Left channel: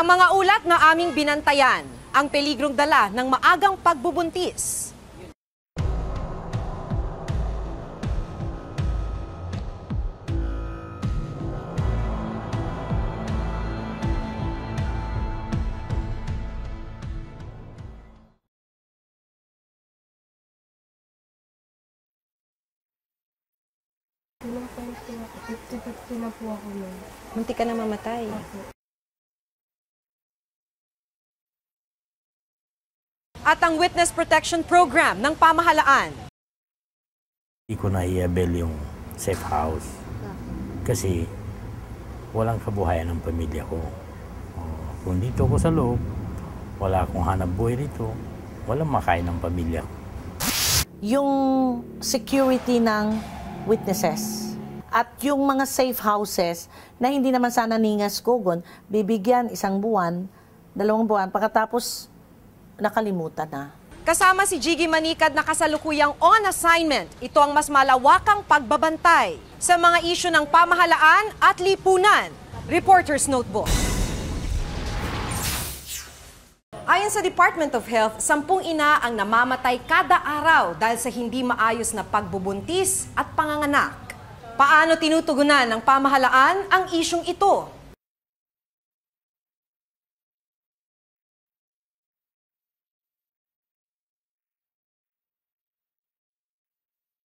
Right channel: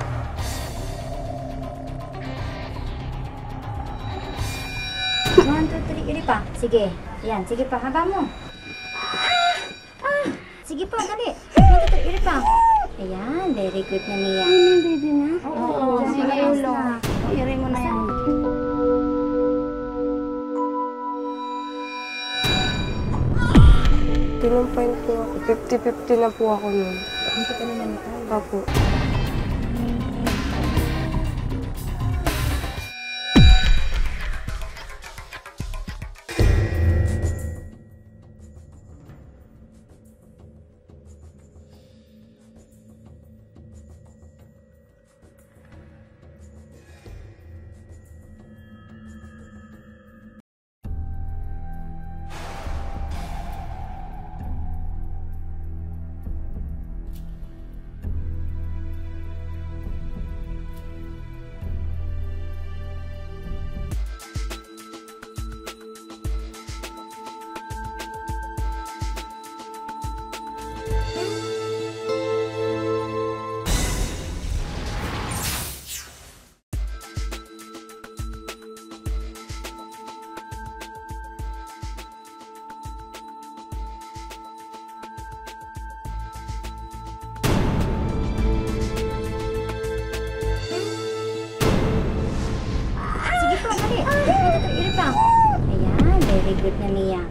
Ang mga ulat na aming binantayan, ang peligrong dala ng maagang pagbubuntis. 1, 2, 3, iri pa. Sige. Yan, sige pa. Haba mo. Sige pa, dali. 1, 2, 3, iri pa. Ayan, very good na niya. Baby na? Oo, sige. Iri mo na yan. Tinumpain po ako. 50-50 na po ako nun. Hindi ka na mamatay. Opo. At ang Witness Protection Program ng pamahalaan. Hindi ko na-i-avail yung safe house kasi walang kabuhayan ng pamilya ko. Kung dito ko sa loob, wala akong hanap buhay dito, walang makain ng pamilya ko. Yung security ng witnesses at yung mga safe houses na hindi naman sana ningas kugon, bibigyan 1 buwan, 2 buwan, pagkatapos nakalimutan na. Kasama si Jiggy Manikad na kasalukuyang on assignment. Ito ang mas malawakang pagbabantay sa mga isyu ng pamahalaan at lipunan. Reporter's Notebook. Ayon sa Department of Health, 10 ina ang namamatay kada araw dahil sa hindi maayos na pagbubuntis at panganganak. Paano tinutugunan ng pamahalaan ang isyung ito? Sige pa, dali. 1, 2, 3, iri pa. Ayan, very good na niya.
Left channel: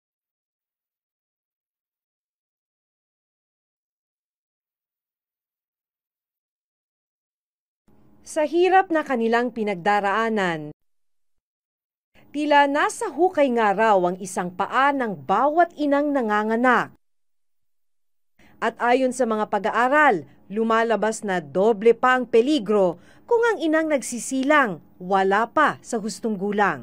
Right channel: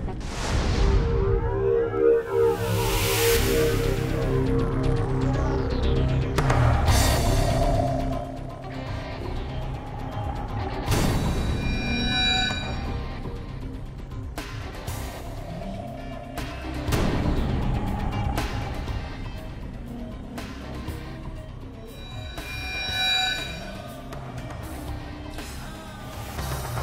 Sa hirap na kanilang pinagdaraanan, tila nasa hukay nga raw ang isang paa ng bawat inang nanganganak. At ayon sa mga pag-aaral, lumalabas na doble pa ang peligro kung ang inang nagsisilang wala pa sa hustong gulang.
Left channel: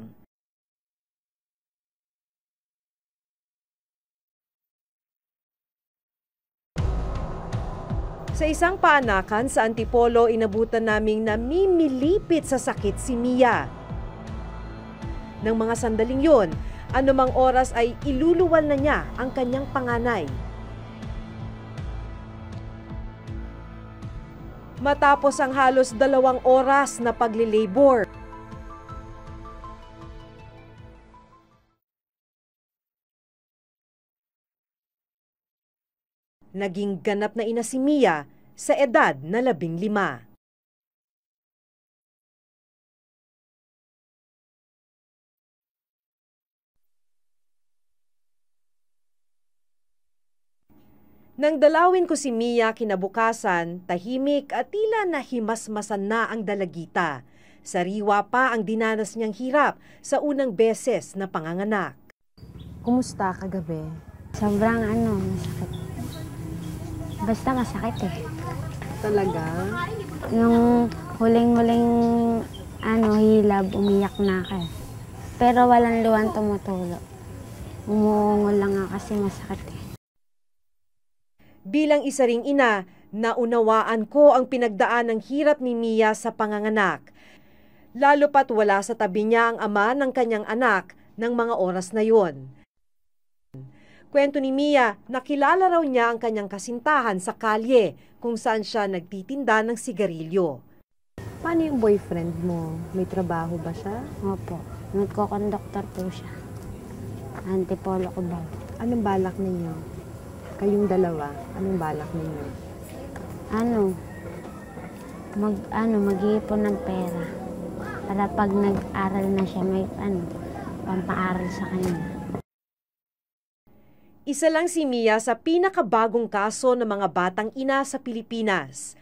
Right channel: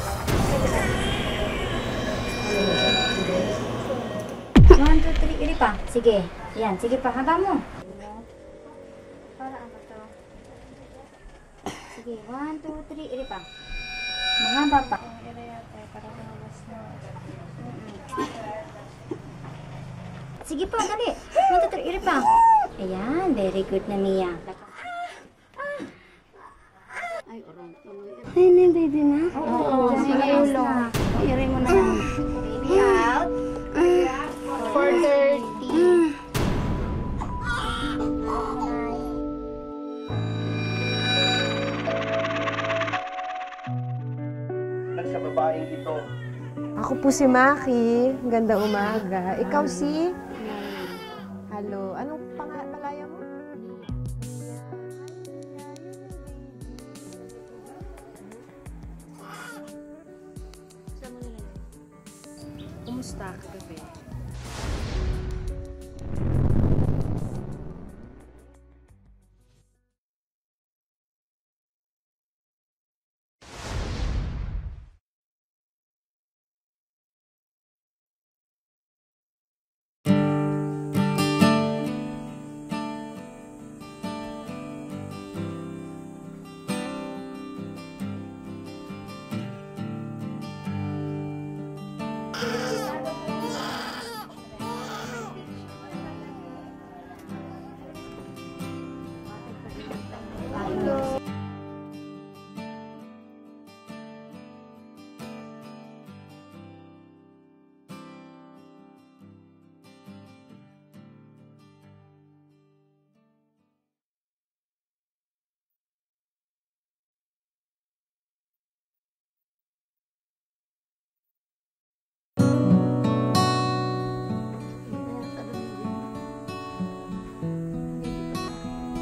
1, 2, 3, iri pa. Sige. Yan, sige pa. Haba mo. Sa isang paanakan sa Antipolo, inabutan naming namimilipit sa sakit si Mia. Haba pa. Nang mga sandaling yun, anumang oras ay iluluwal na niya ang kanyang panganay. Sige pa, dali. 1, 2, 3, iri pa. Ayan, very good na niya. Matapos ang halos 2 oras na paglilabor, Baby na? Oo, sige. Iri mo na yan. Baby out. 4:30. naging ganap na ina si Mia sa edad na 15. Sa babaeng ito, Ako po si Maki. Ganda umaga. Ikaw si? Nang dalawin ko si Mia kinabukasan, tahimik at tila nahimasmasan na ang dalagita. Sariwa pa ang dinanas niyang hirap sa unang beses na panganganak. Kumusta kagabi? Sobrang masakit. Basta masakit eh. Talaga? Nung huling-huling hilab, umiyak na ako. Pero walang luwan tumutulo. Umuungol lang nga kasi masakit eh. Bilang isa ring ina, naunawaan ko ang pinagdaan ng hirap ni Mia sa panganganak. Lalo pat wala sa tabi niya ang ama ng kanyang anak ng mga oras na yon. Kwento ni Mia, nakilala raw niya ang kanyang kasintahan sa kalye kung saan siya nagtitinda ng sigarilyo. Paano yung boyfriend mo? May trabaho ba siya? Opo, nagko-conductor po siya. Antipolo ko ba? Anong balak ninyo? Kayong dalawa, anong balak ninyo? Mag-iipon ng pera. Para pag nag-aral na siya, may pampaaral sa kanya. Isa lang si Mia sa pinakabagong kaso ng mga batang ina sa Pilipinas.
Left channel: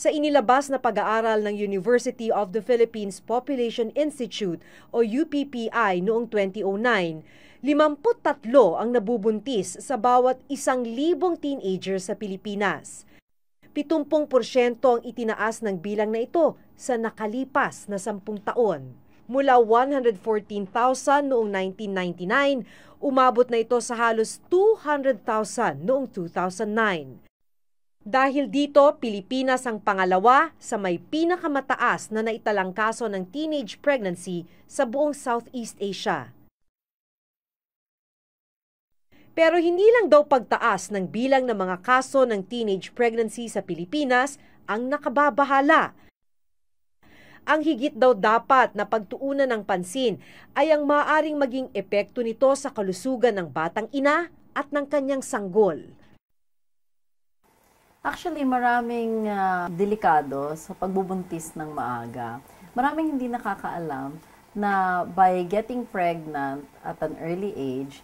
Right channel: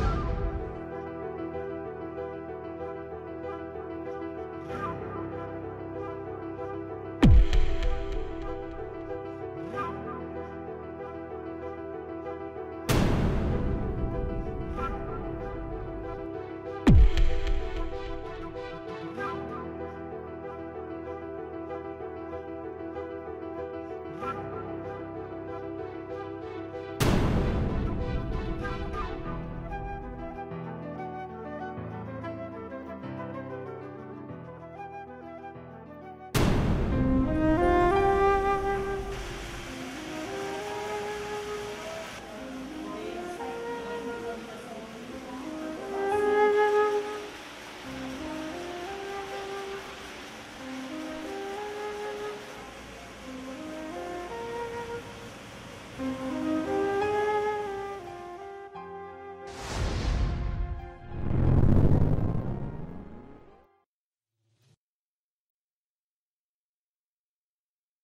Sa inilabas na pag-aaral ng University of the Philippines Population Institute o UPPI noong 2009, 53 ang nabubuntis sa bawat 1,000 teenager sa Pilipinas. 70% ang itinaas ng bilang na ito sa nakalipas na 10 taon. Mula 114,000 noong 1999, umabot na ito sa halos 200,000 noong 2009. Dahil dito, Pilipinas ang pangalawa sa may pinakamataas na naitalang kaso ng teenage pregnancy sa buong Southeast Asia. Pero hindi lang daw pagtaas ng bilang ng mga kaso ng teenage pregnancy sa Pilipinas ang nakababahala. Ang higit daw dapat na pagtuunan ng pansin ay ang maaaring maging epekto nito sa kalusugan ng batang ina at ng kanyang sanggol. Actually, maraming delikado sa pagbubuntis ng maaga. Maraming hindi nakakaalam na by getting pregnant at an early age,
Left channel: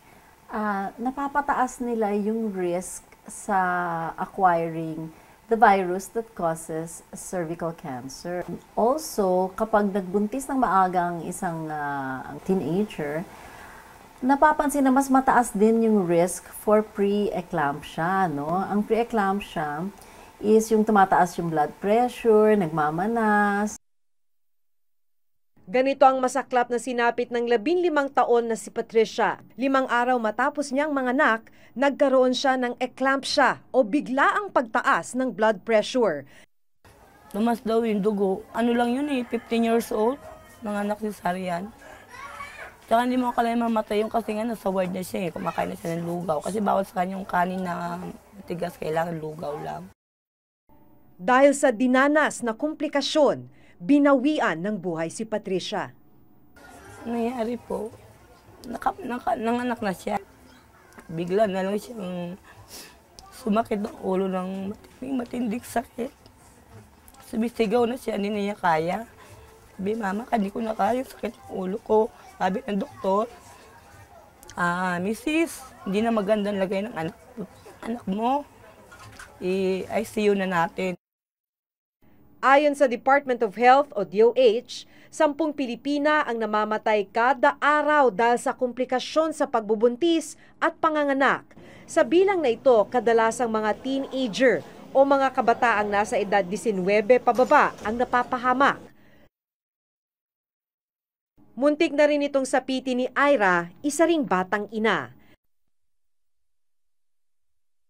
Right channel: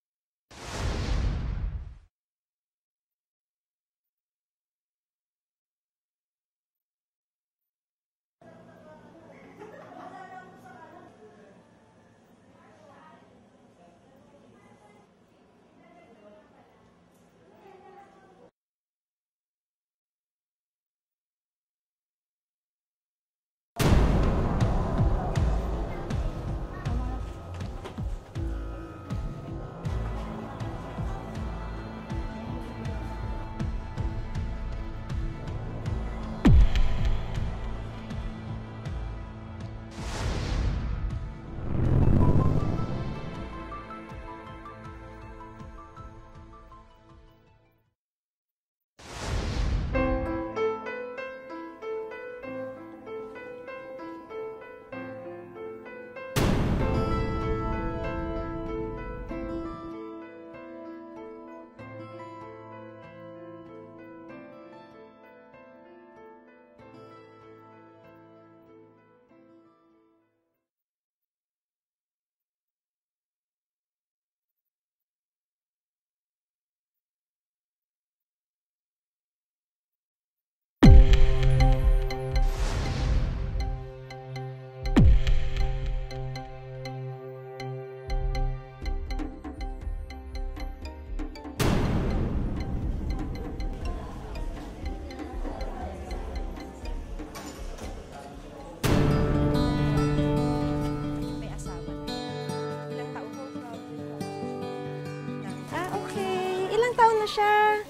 napapataas nila yung risk sa acquiring the virus that causes cervical cancer. Also, kapag nagbuntis ng maaga ang isang teenager, napapansin na mas mataas din yung risk for pre-eclampsia, no? Ang pre-eclampsia is yung tumataas yung blood pressure, nagmamanas. Ganito ang masaklap na sinapit ng 15 taon na si Patricia. 5 araw matapos niyang manganak, nagkaroon siya ng eclampsia o biglaang pagtaas ng blood pressure. Tumas daw yung dugo. Ano lang yun 15 years old, nanganak si Sarian. Tsaka hindi mo akalain mamatay yung kasi nga nasa ward na siya kumakain na siya ng lugaw. Kasi bawal sa kanya yung kanin na matigas, kailangan lugaw lang. Dahil sa dinanas na komplikasyon, binawian ng buhay si Patricia. Nangyari po, nanganak na siya. Bigla na lang siyang sumakit ang ulo ng matindig sakit. Sumisigaw na siya, hindi na niya kaya. Sabi, mama, hindi ko na kaya, sakit ang ulo ko. Sabi ng doktor, Mrs., hindi na magandang lagay ng anak mo. I-ICU na natin. Ayon sa Department of Health o DOH, 10 Pilipina ang namamatay kada araw dahil sa komplikasyon sa pagbubuntis at panganganak. Sa bilang na ito, kadalasang mga teenager o mga kabataang nasa edad 19 pababa ang napapahamak. Muntik na rin itong sapitin ni Ira, isa ring batang ina. Okay. Ilang taon na siya?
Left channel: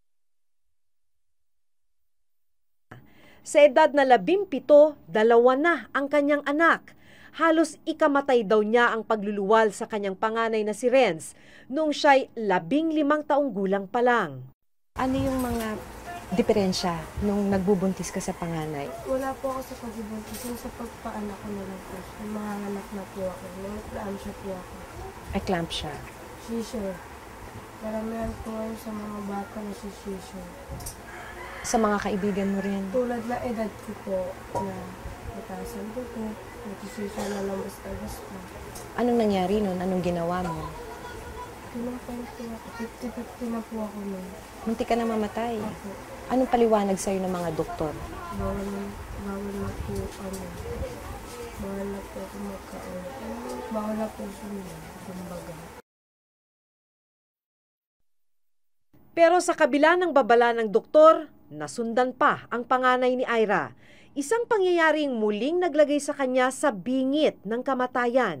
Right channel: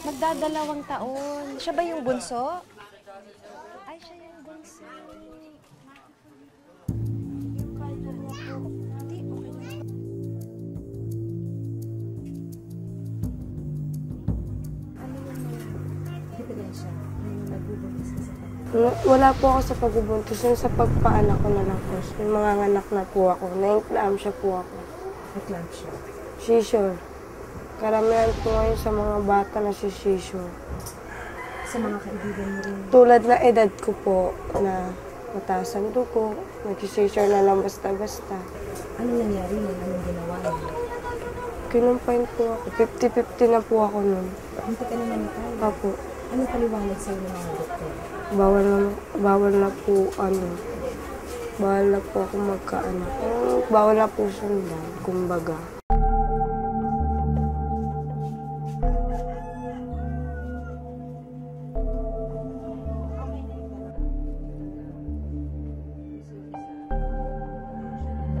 Magdadalawang taon. Siya ba yung bunso? Sa edad na 17, 2 na ang kanyang anak. Halos ikamatay daw niya ang pagluluwal sa kanyang panganay na si Renz noong siya'y 15 taong gulang pa lang. Ano yung mga diferensya nung nagbubuntis ka sa panganay? Wala po ako sa pagbubuntis. Yung sa pagpaanak ko na lang po. Yung mga anak na po ako. Na-eclampsia po ako. Eclampsia. Seizure. Karamihan po ngayon sa mga bata na si seizure. Sa mga kaibigan mo rin? Tulad na edad ko po na mataas ang dugo. Nag-seizure na lang basta-basta. Anong nangyari nun? Anong ginawa mo? Kinumpain po ako. 50-50 na po ako nun. Munti ka na mamatay. Opo. Anong paliwanag sa'yo ng mga doktor? Bawal na po ako magkaanak. Bawal na po sundan, kumbaga. Pero sa kabila ng babala ng doktor, nasundan pa ang panganay ni Ira. Isang pangyayaring muling naglagay sa kanya sa bingit ng kamatayan.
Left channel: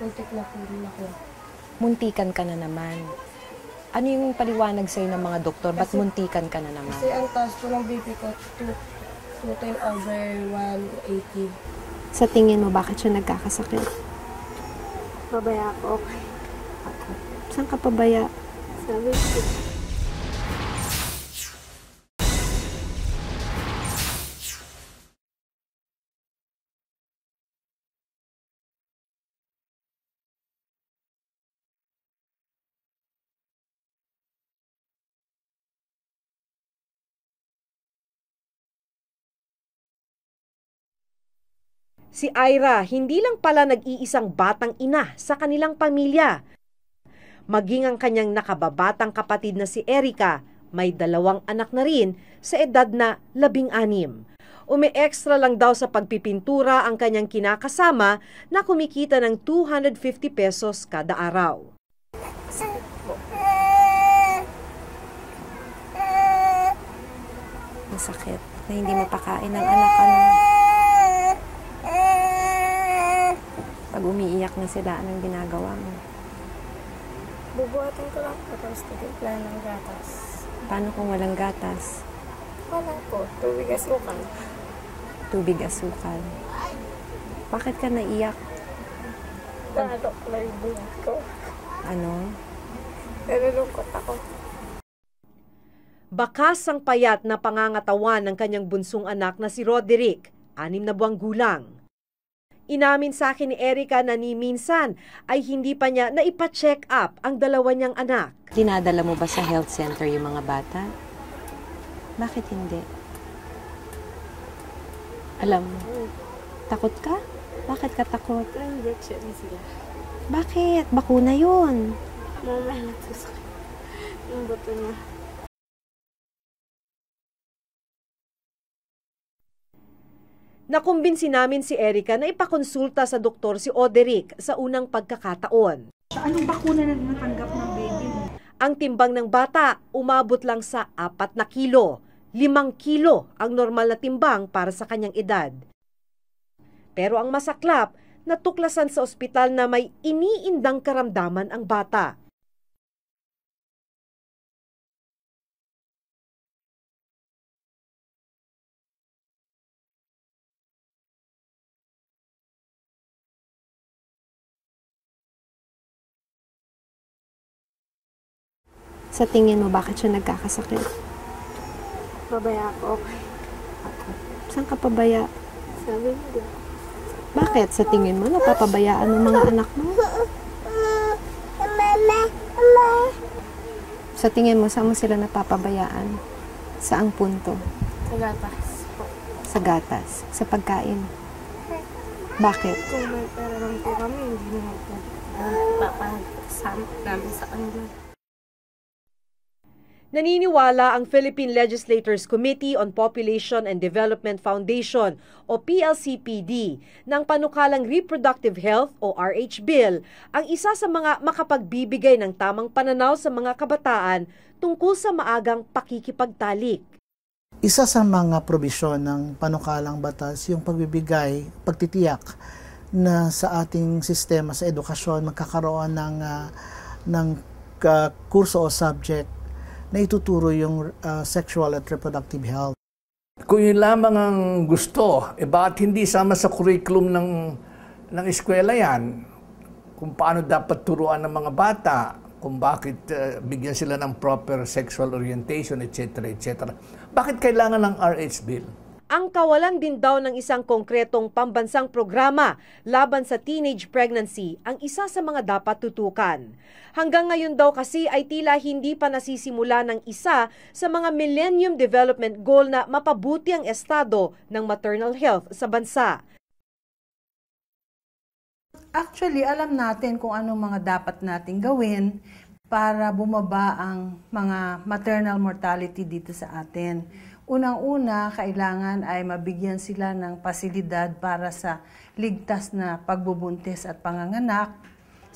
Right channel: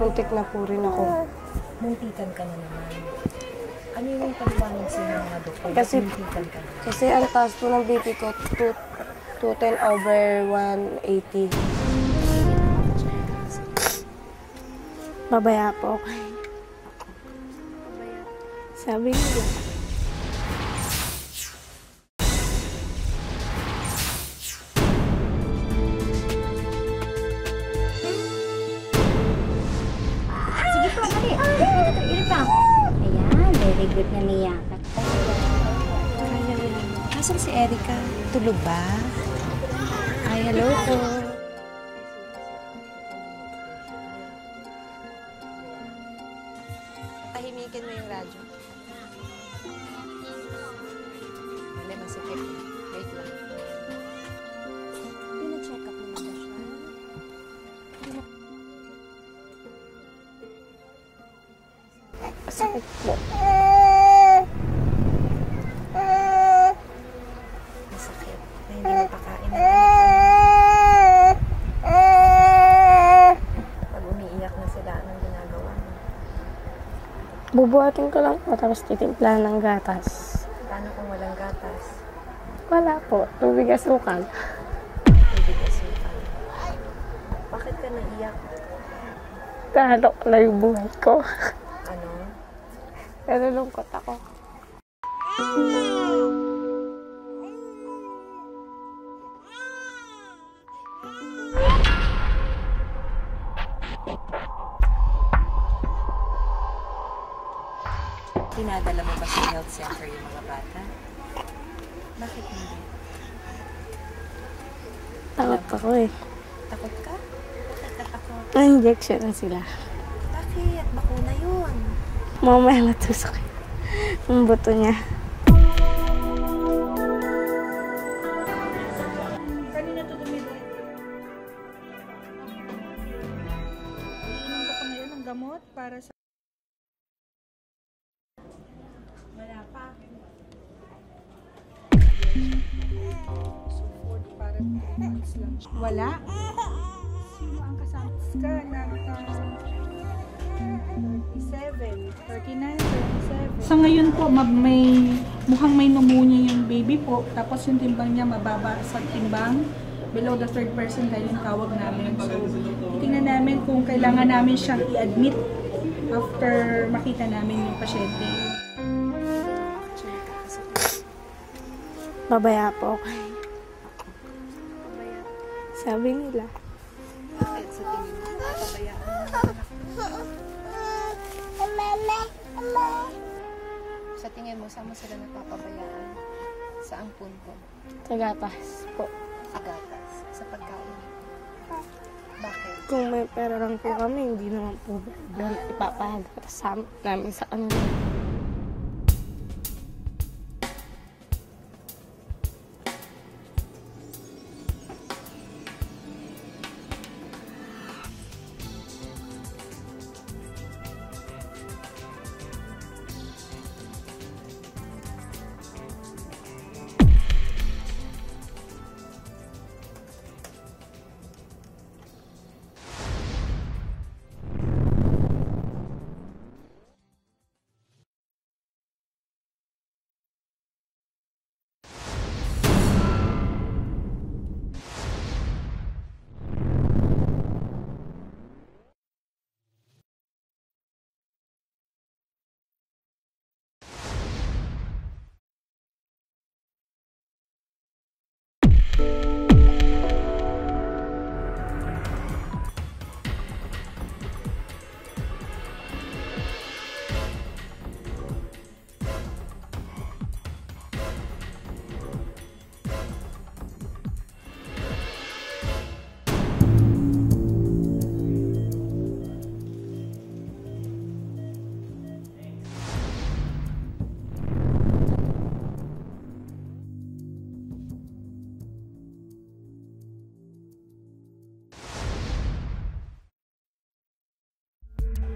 Muntik na po rin ako. Muntikan ka na naman. Ano yung paliwanag sa'yo ng mga doktor? Ba't muntikan ka na naman? Kasi ang taas po ng BP ko, 210/180. Sa tingin mo, bakit siya nagkakasakit? Pabaya po. Saan ka pabaya? Sabi ko. Sige po, mali. Ito pa. Ayan, very good na niyakat. Asan si Erica? Tulog ba? Ay, hello po. Si Ira hindi lang pala nag-iisang batang ina sa kanilang pamilya. Maging ang kanyang nakababatang kapatid na si Erica, may 2 anak na rin sa edad na 16. Umi-extra lang daw sa pagpipintura ang kanyang kinakasama na kumikita ng 250 pesos kada araw. Masakit na hindi mapakain ng anak ka ng... Pag umiiyak na sila, anong ginagawa mo? Bubuhatin ko lang po, tapos titimplahan ng gatas. Paano kung walang gatas? Wala po, tubig asukal. Tubig asukal. Bakit ka naiyak? Lalo ko na yung buhay ko. Ano? Nalulungkot ako. Bakas ang payat na pangangatawan ng kanyang bunsong anak na si Roderick, 6 na buwang gulang. Inamin sa akin ni Erica na ni minsan ay hindi pa niya naipa-check up ang dalawa niyang anak. Dinadala mo ba sa health center yung mga bata? Bakit hindi? Alam ko eh. Takot ka? Bakit ka takot? Na-injection na sila. Bakit? Bakuna yun. Mamaya matusok ang buto niya. Nakumbinsi namin si Erica na ipakonsulta sa doktor si Oderick sa unang pagkakataon. Anong bakuna na natanggap ng baby mo? Ang timbang ng bata umabot lang sa 4 na kilo. 5 kilo ang normal na timbang para sa kanyang edad. Wala. Pero ang masaklap, natuklasan sa ospital na may iniindang karamdaman ang bata. Sa ngayon po, mukhang may pneumonia yung baby po. Tapos yung timbang niya mababa sa timbang. Below the 3rd percentile yung tawag namin. So, tingnan namin kung kailangan namin siyang i-admit after makita namin yung pasyente. Sa tingin mo, bakit siya nagkakasakit? Pabaya po ako. Saan ka pabaya? Sabi nila. Bakit? Sa tingin mo, napapabayaan ng mga anak mo? Sa tingin mo, saan mo sila napapabayaan? Saang punto? Sa gatas po. Sa gatas? Sa pagkain? Bakit? Kung may pera lang po kami, hindi na po ipapasama kami sa kanila. Naniniwala ang Philippine Legislators Committee on Population and Development Foundation o PLCPD ng panukalang Reproductive Health o RH Bill ang isa sa mga makapagbibigay ng tamang pananaw sa mga kabataan tungkol sa maagang pakikipagtalik. Isa sa mga probisyon ng panukalang batas yung pagbibigay, pagtitiyak na sa ating sistema sa edukasyon magkakaroon ng kurso o subject na ituturo yung sexual at reproductive health. Kung yun lamang ang gusto, bakit hindi sama sa curriculum ng eskwela yan? Kung paano dapat turuan ng mga bata, kung bakit bigyan sila ng proper sexual orientation, etc., etc. Bakit kailangan ng RH Bill? Ang kawalan din daw ng isang konkretong pambansang programa laban sa teenage pregnancy ang isa sa mga dapat tutukan. Hanggang ngayon daw kasi ay tila hindi pa nasisimula ng isa sa mga Millennium Development Goal na mapabuti ang estado ng maternal health sa bansa. Actually, alam natin kung anong mga dapat nating gawin para bumaba ang mga maternal mortality dito sa atin. Unang-una, kailangan ay mabigyan sila ng pasilidad para sa ligtas na pagbubuntis at panganganak.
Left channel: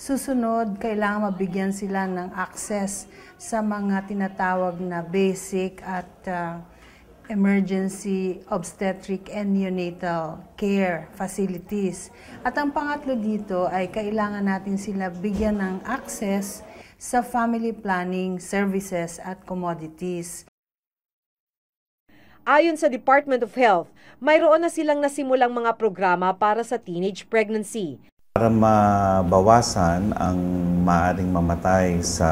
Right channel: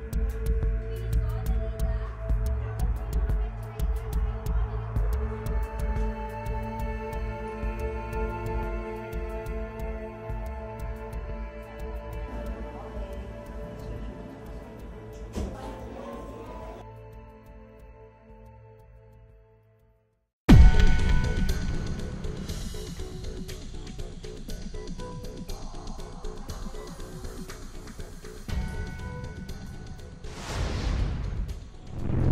Susunod, kailangan mabigyan sila ng access sa mga tinatawag na basic at emergency obstetric and neonatal care facilities. At ang pangatlo dito ay kailangan natin sila bigyan ng access sa family planning services at commodities. Ayon sa Department of Health, mayroon na silang nasimulang mga programa para sa teenage pregnancy. Para mabawasan ang maaaring mamatay sa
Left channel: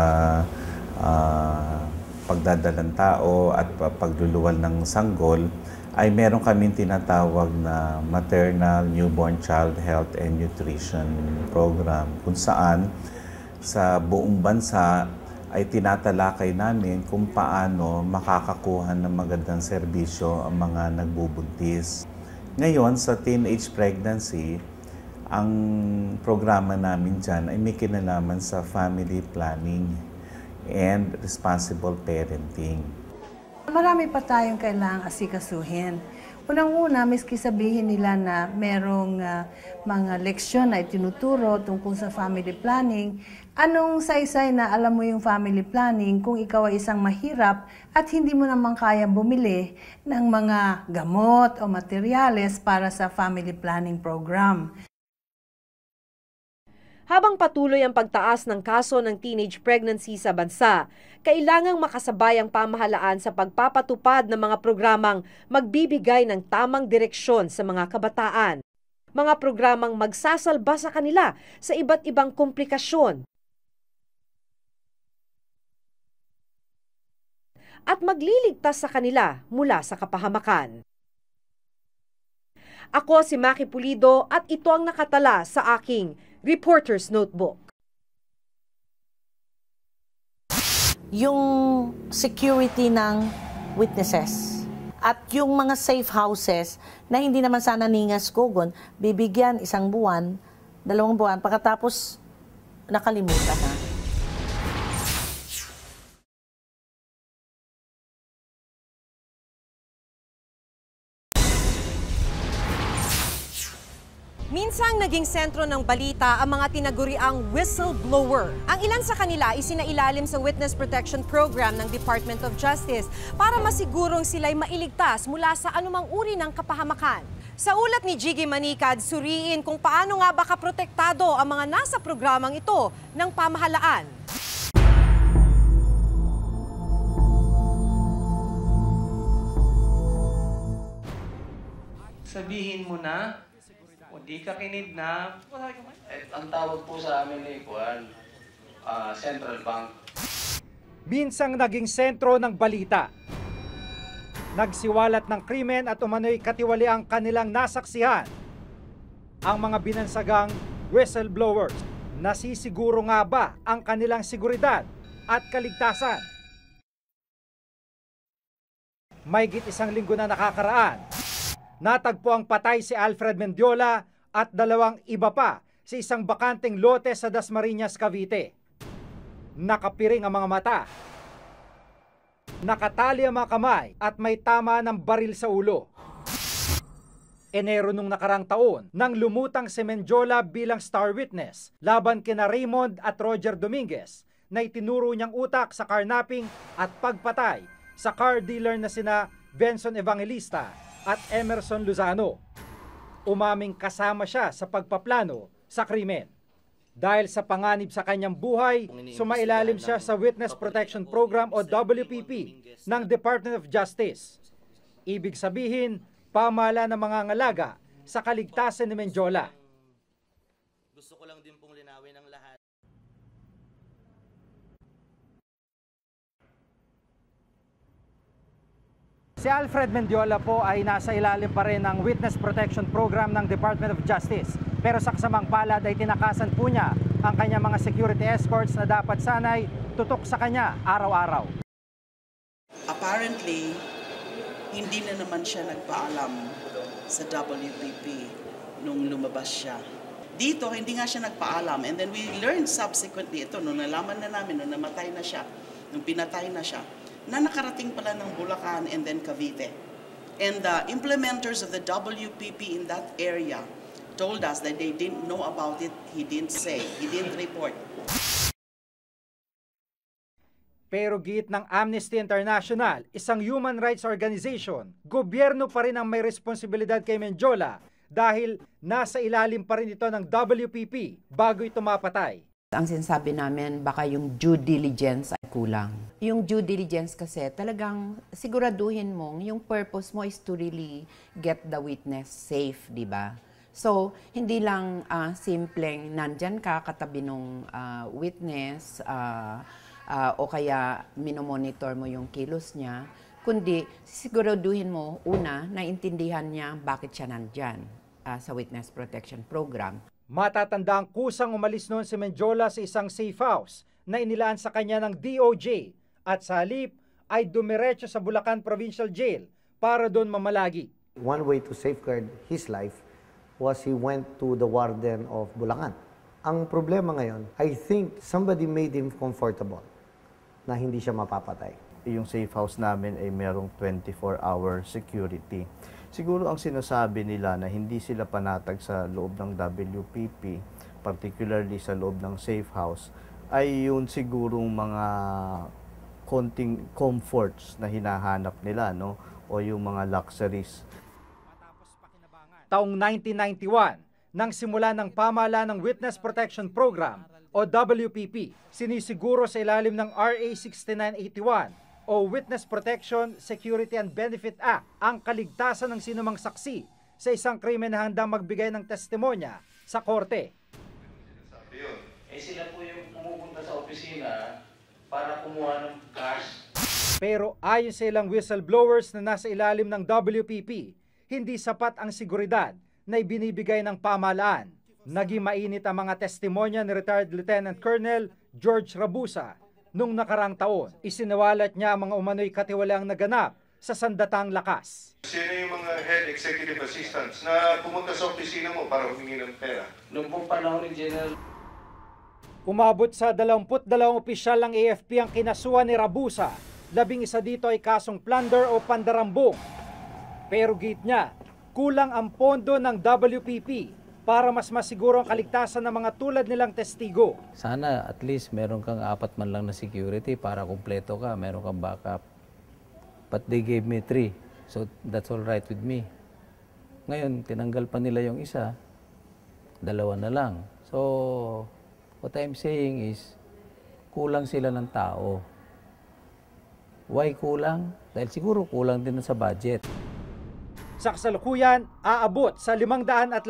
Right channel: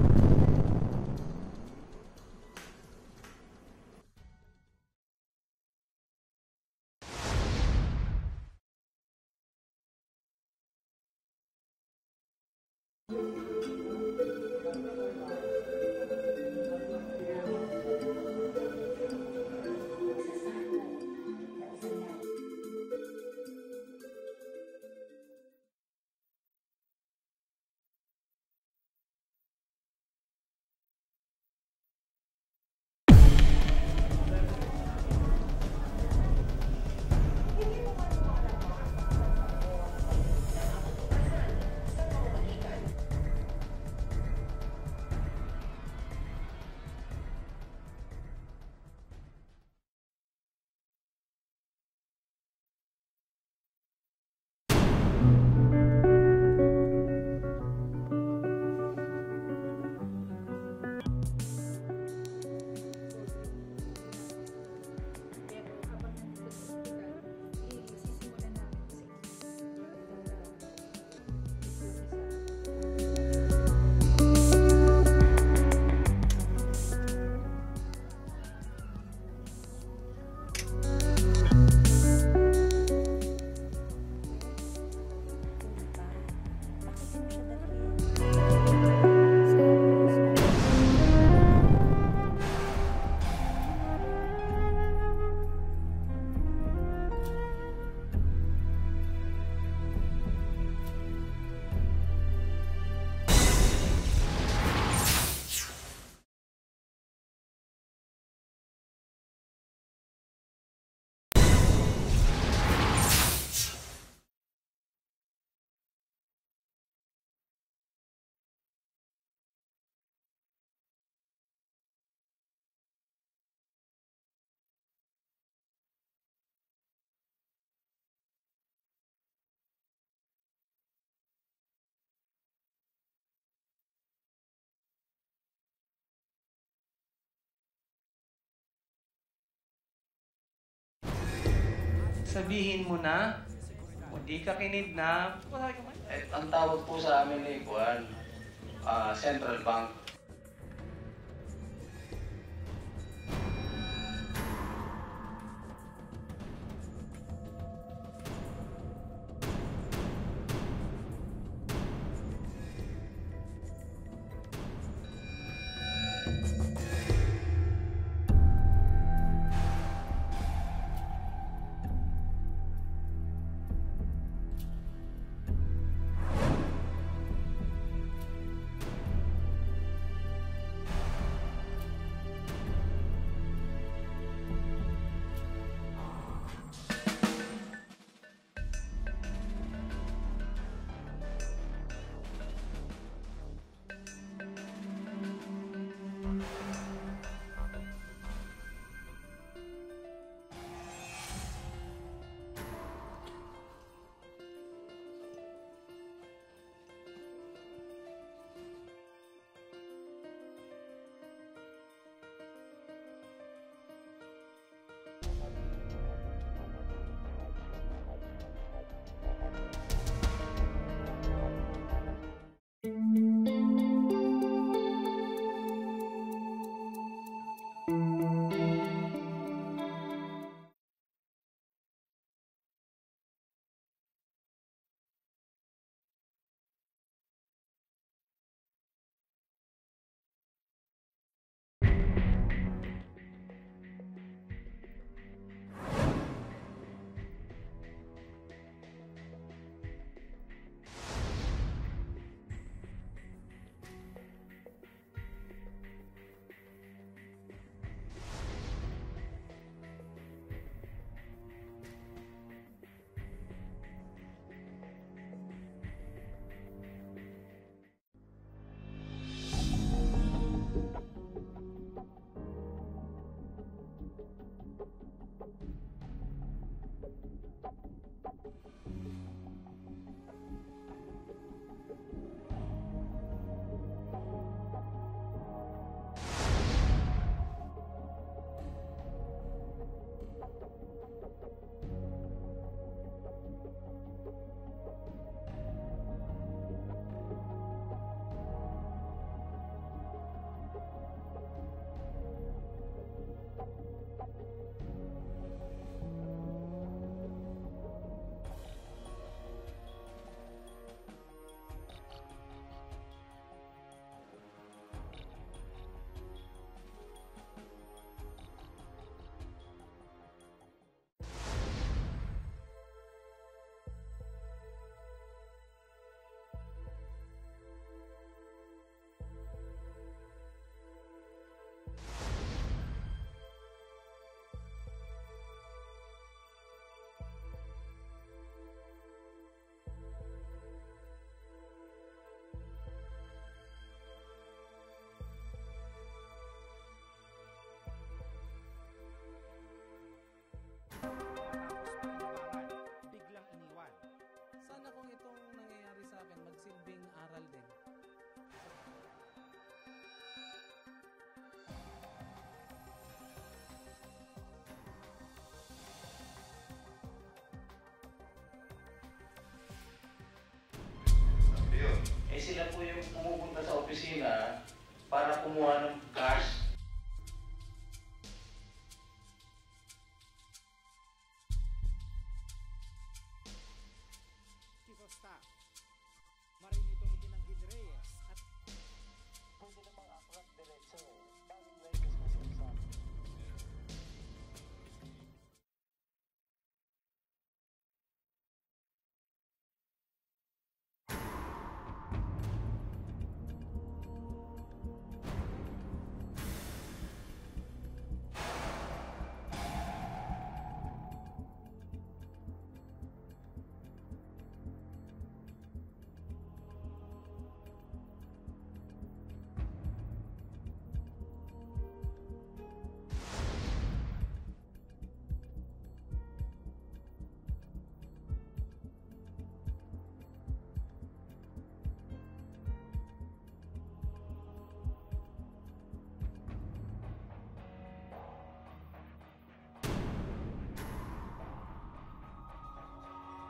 pagdadalang tao at pagluluwal ng sanggol, ay meron kaming tinatawag na Maternal Newborn Child Health and Nutrition Program, kung saan sa buong bansa ay tinatalakay namin kung paano makakakuha ng magandang serbisyo ang mga nagbubuntis. Ngayon, sa teenage pregnancy, ang programa namin dyan ay may kinalaman sa family planning and responsible parenting. Marami pa tayong kailangang asikasuhin. Unang-una, miski sabihin nila na merong mga leksyon na itinuturo tungkol sa family planning, anong saysay na alam mo yung family planning kung ikaw ay isang mahirap at hindi mo naman kayang bumili ng mga gamot o materyales para sa family planning program. Habang patuloy ang pagtaas ng kaso ng teenage pregnancy sa bansa, kailangang makasabay ang pamahalaan sa pagpapatupad ng mga programang magbibigay ng tamang direksyon sa mga kabataan. Mga programang magsasalba sa kanila sa iba't ibang komplikasyon. at magliligtas sa kanila mula sa kapahamakan. Ako si Maki Pulido at ito ang nakatala sa aking Reporter's Notebook. Yung security ng witnesses at yung mga safe houses na hindi naman sana ningas kogon, bibigyan 1 buwan, 2 buwan, pagkatapos nakalimutan. Minsang naging sentro ng balita ang mga tinaguriang whistleblower. Ang ilan sa kanila isinailalim sa Witness Protection Program ng Department of Justice para masigurong sila'y mailigtas mula sa anumang uri ng kapahamakan. Sa ulat ni Jiggy Manicad, suriin kung paano nga ba kaprotektado ang mga nasa programang ito ng pamahalaan. Sabihin mo na, hindi ka kinidnap. Ang tawag po sa amin ay Central Bank. Minsang naging sentro ng balita. Nagsiwalat ng krimen at umano'y katiwaliang kanilang nasaksihan. Ang mga binansagang whistleblowers, nasisiguro nga ba ang kanilang seguridad at kaligtasan? Mahigit 1 linggo na nakakaraan, natagpo ang patay si Alfred Mendiola at 2 iba pa sa isang bakanteng lote sa Dasmariñas, Cavite. Nakapiring ang mga mata, nakatali ang mga kamay at may tama ng baril sa ulo. Enero nung nakarang taon, nang lumutang si Mendiola bilang star witness laban kina Raymond at Roger Dominguez na itinuro niyang utak sa carnapping at pagpatay sa car dealer na sina Benson Evangelista at Emerson Lozano. Umaming kasama siya sa pagpaplano sa krimen. Dahil sa panganib sa kanyang buhay, sumailalim siya sa Witness Protection Program o WPP ng Department of Justice. Ibig sabihin, pamahala ng mga ngalaga sa kaligtasan ni Mendiola. Si Alfred Mendiola po ay nasa ilalim pa rin ng Witness Protection Program ng Department of Justice. Pero sa kasamang palad ay tinakasan po niya ang kanyang mga security escorts na dapat sanay tutok sa kanya araw-araw. Apparently, hindi na naman siya nagpaalam sa WPP nung lumabas siya. Dito, hindi nga siya nagpaalam. And then we learned subsequently ito, nung nalaman na namin, nung namatay na siya, nung pinatay na siya, na nakarating pala ng Bulacan and then Cavite. And the implementers of the WPP in that area told us that they didn't know about it, he didn't say, he didn't report. Pero giit ng Amnesty International, isang human rights organization, gobyerno pa rin ang may responsibilidad kay Mendiola dahil nasa ilalim pa rin ito ng WPP bago ito mapatay. Ang sinasabi namin, baka yung due diligence ay kulang. Yung due diligence kasi talagang siguraduhin mo, yung purpose mo is to really get the witness safe, di ba? So, hindi lang simpleng nandyan ka katabi ng witness o kaya minomonitor mo yung kilos niya, kundi siguraduhin mo, una, naintindihan niya bakit siya nandyan sa Witness Protection Program. Matatandang kusang umalis noon si Mendiola sa isang safe house na inilaan sa kanya ng DOJ at sa halip ay dumiretso sa Bulacan Provincial Jail para doon mamalagi. One way to safeguard his life was he went to the warden of Bulacan. Ang problema ngayon, I think somebody made him comfortable na hindi siya mapapatay. Yung safe house namin ay merong 24-hour security. Siguro ang sinasabi nila na hindi sila panatag sa loob ng WPP, particularly sa loob ng safe house, ay yun sigurong mga konting comforts na hinahanap nila, no? O yung mga luxuries. Taong 1991, nang simula ng pamahalaan ng Witness Protection Program o WPP, sinisiguro sa ilalim ng RA 6981 o Witness Protection, Security and Benefit Act ang kaligtasan ng sinumang saksi sa isang krimen na handang magbigay ng testimonya sa korte. Sabi yun, sila po yung pumupunta sa opisina para kumuha ng cash. Pero ayon sa ilang whistleblowers na nasa ilalim ng WPP, hindi sapat ang seguridad na ibinibigay ng pamahalaan. Naging mainit ang mga testimonya ni retired Lieutenant Colonel George Rabusa. Nung nakarang taon, isinawalat niya ang mga umano'y katiwalaang naganap sa sandatang lakas. Sino yung mga head executive assistants na pumunta sa opisina mo para humingi ng pera? Noong pong panahon ni General, Umabot sa 22 opisyal ng AFP ang kinasuhan ni Rabusa. 11 dito ay kasong plunder o pandarambong. Pero git niya, kulang ang pondo ng WPP para mas masiguro ang kaligtasan ng mga tulad nilang testigo. Sana at least meron kang 4 man lang na security para kumpleto ka, meron kang backup. But they gave me 3, so that's all right with me. Ngayon, tinanggal pa nila yung isa, 2 na lang. So, what I'm saying is, kulang sila ng tao. Why kulang? Dahil siguro kulang din sa budget. Sa kasalukuyan, aabot sa 514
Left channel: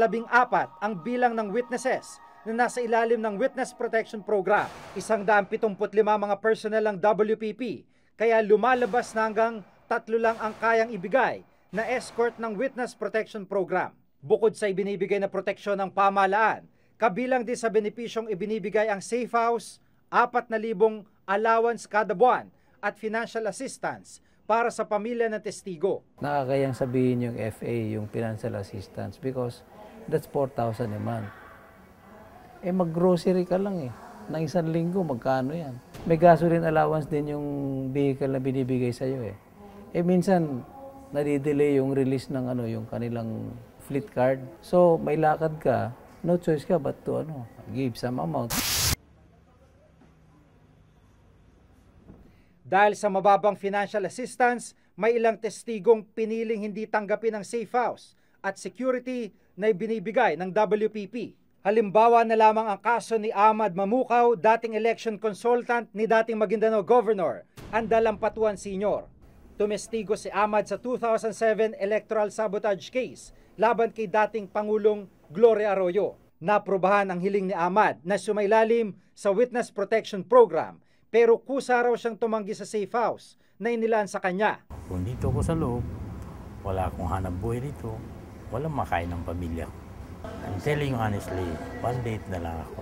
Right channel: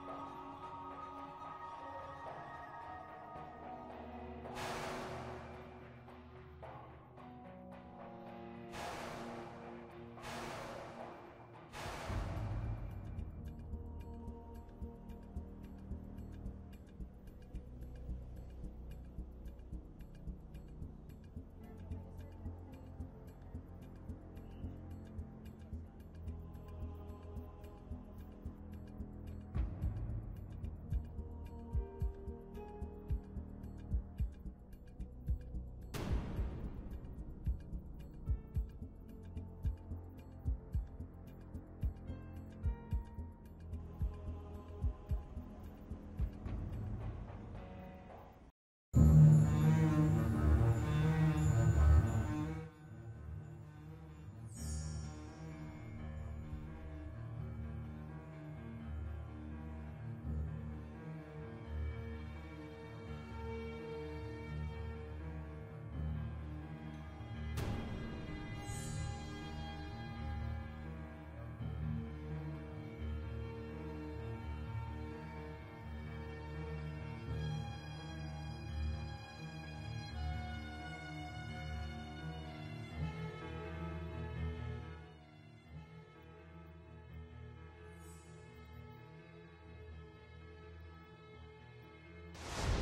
ang bilang ng witnesses na nasa ilalim ng Witness Protection Program. 175 mga personnel ng WPP, kaya lumalabas na hanggang 3 lang ang kayang ibigay na escort ng Witness Protection Program. Bukod sa ibinibigay na proteksyon ng pamahalaan, kabilang din sa benepisyong ibinibigay ang safe house, 4,000 allowance kada buwan at financial assistance para sa pamilya ng testigo. Nakakayang sabihin yung FA, yung financial assistance, because that's 4,000 a month. Eh mag-grocery ka lang eh. Nang 1 linggo, magkano yan? May gasoline allowance din yung vehicle na binibigay sa'yo eh. Eh minsan, nadidelay yung release ng yung kanilang fleet card. So may lakad ka, no choice ka but to give some amount. Dahil sa mababang financial assistance, may ilang testigong piniling hindi tanggapin ang safe house at security na ibinibigay ng WPP. Halimbawa na lamang ang kaso ni Ahmad Mamukaw, dating election consultant ni dating Maguindanao Governor, Andal Ampatuan Sr. Tumestigo si Ahmad sa 2007 electoral sabotage case laban kay dating Pangulong Gloria Arroyo. Naprobahan ang hiling ni Ahmad na sumailalim sa Witness Protection Program, pero kusa raw siyang tumanggi sa safe house na inilaan sa kanya. Kung dito ako sa loob, wala akong hanap buhay dito, walang makain ng pamilya ko. I'm telling you honestly, 1 date na lang ako.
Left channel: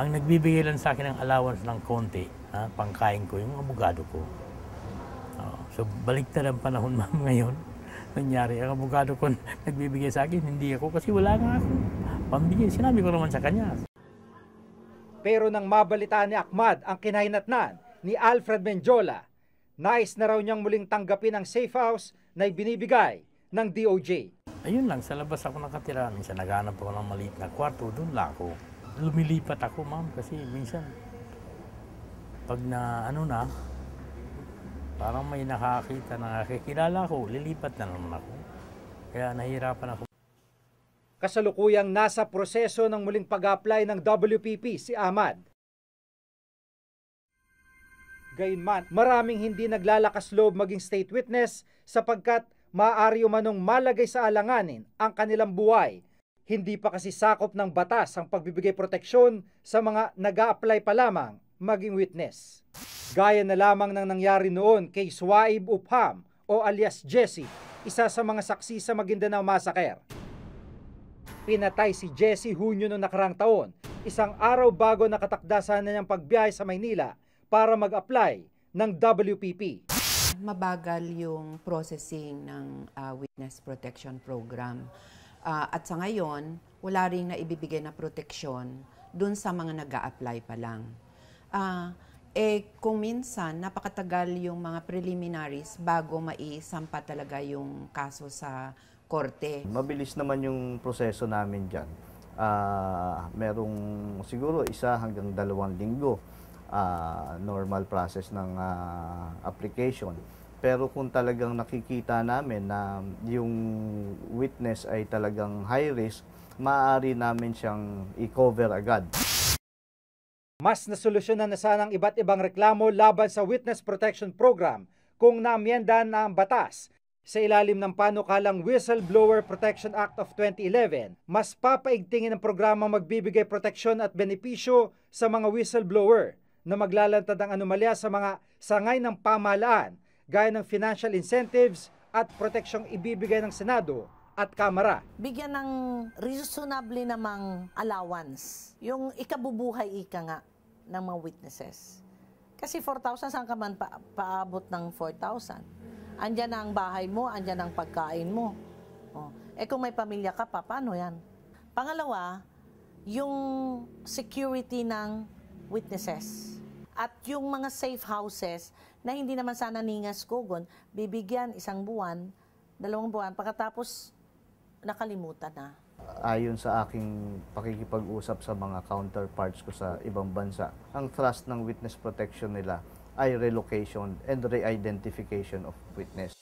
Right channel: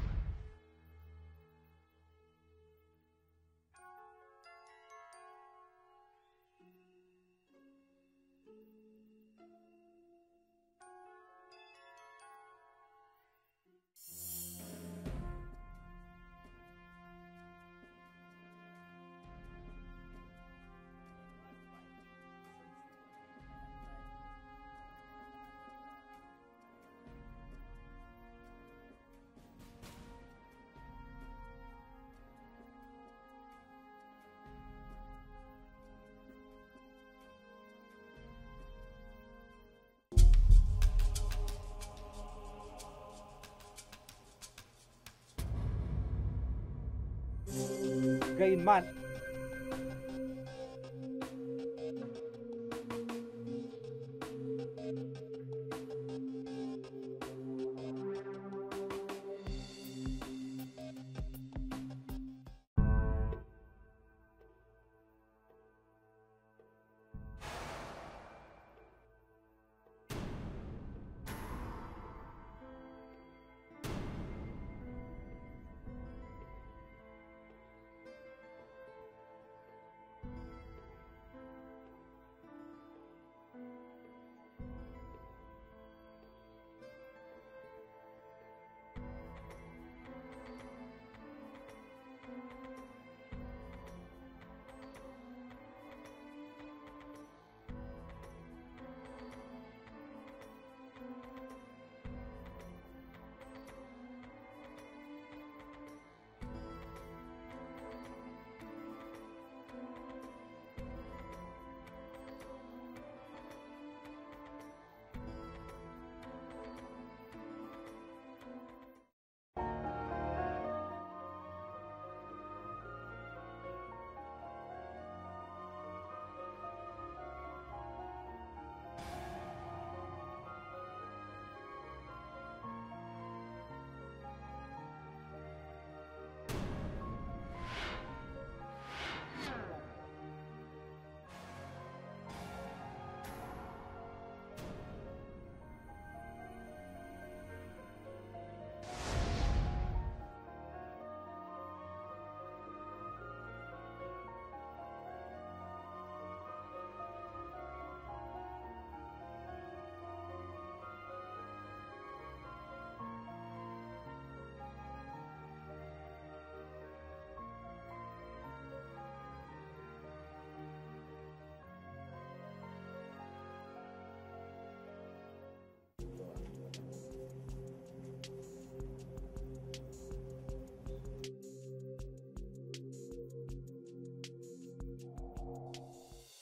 Ang nagbibigay lang sa akin ng allowance ng konti, pangkain ko, yung abogado ko. So baliktad ang panahon ma'am ngayon. Nangyari, ang abogado ko nagbibigay sa akin, hindi ako kasi wala nga ako pambigay. Sinabi ko naman sa kanya. Pero nang mabalitaan ni Ahmad ang kinahinatnan ni Alfred Menjola, nais na raw niyang muling tanggapin ang safe house na ibinibigay ng DOJ. Ayun lang, sa labas ako nakatira. Minsan naghanap ako ng maliit na kwarto, doon lang ako. Lumilipat ako ma'am kasi minsan pag na parang may nakakita, nakakilala ko, lilipat na naman ako. Kaya nahihirapan ako. Kasalukuyang nasa proseso ng muling pag-apply ng WPP si Ahmad. Gayunman, maraming hindi naglalakas loob maging state witness sapagkat maaari umanong malagay sa alanganin ang kanilang buhay. Hindi pa kasi sakop ng batas ang pagbibigay proteksyon sa mga nag-a-apply pa lamang maging witness. Gaya na lamang ng nangyari noon kay Suaib Upham o alias Jesse, isa sa mga saksi sa Maguindanao Massacre. Pinatay si Jesse Hunyo noong nakarang taon, 1 araw bago nakatakdasan na niyang pagbiyahe sa Maynila para mag-apply ng WPP. Mabagal yung processing ng Witness Protection Program. At sa ngayon, wala rin na ibibigay na proteksyon dun sa mga nag-a-apply pa lang. Kung minsan, napakatagal yung mga preliminaries bago maisampa talaga yung kaso sa korte. Mabilis naman yung proseso namin dyan. Merong siguro 1 hanggang 2 linggo normal process ng application. Pero kung talagang nakikita namin na yung witness ay talagang high risk, maaari namin siyang i-cover agad. Mas nasolusyonan na sanang iba't ibang reklamo laban sa Witness Protection Program kung naamyendahan na ang batas. Sa ilalim ng panukalang Whistleblower Protection Act of 2011, mas papaigtingin ang programang magbibigay proteksyon at benepisyo sa mga whistleblower na maglalantad ng anomalya sa mga sangay ng pamahalaan, gaya ng financial incentives at proteksyong ibibigay ng Senado at Kamara. Bigyan ng reasonably namang allowance, yung ikabubuhay ika nga ng mga witnesses. Kasi 4,000, saan ka man paabot ng 4,000? Andyan na ang bahay mo, andyan ang pagkain mo. Oh. Kung may pamilya ka pa, paano yan? Pangalawa, yung security ng witnesses. At yung mga safe houses na hindi naman sana ningas kugon, bibigyan 1 buwan, 2 buwan, pagkatapos nakalimutan na. Ayon sa aking pakikipag-usap sa mga counterparts ko sa ibang bansa, ang thrust ng witness protection nila ay relocation and re-identification of witness.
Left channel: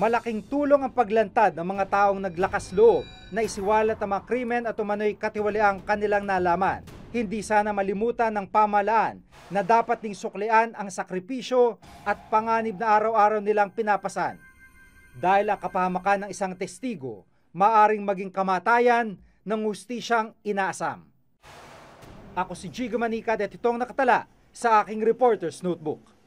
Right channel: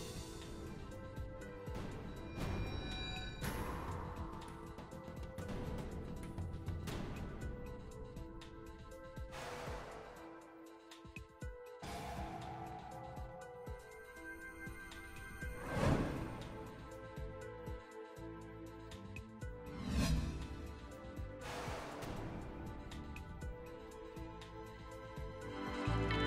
Malaking tulong ang paglantad ng mga taong naglakas loob na isiwalat ang mga krimen at umano'y katiwaliang kanilang nalaman. Hindi sana malimutan ng pamahalaan na dapat ding suklian ang sakripisyo at panganib na araw-araw nilang pinapasan. Dahil ang kapahamakan ng isang testigo, maaring maging kamatayan ng hustisyang inaasam. Ako si Jigo Manica at itong nakatala sa aking Reporter's Notebook.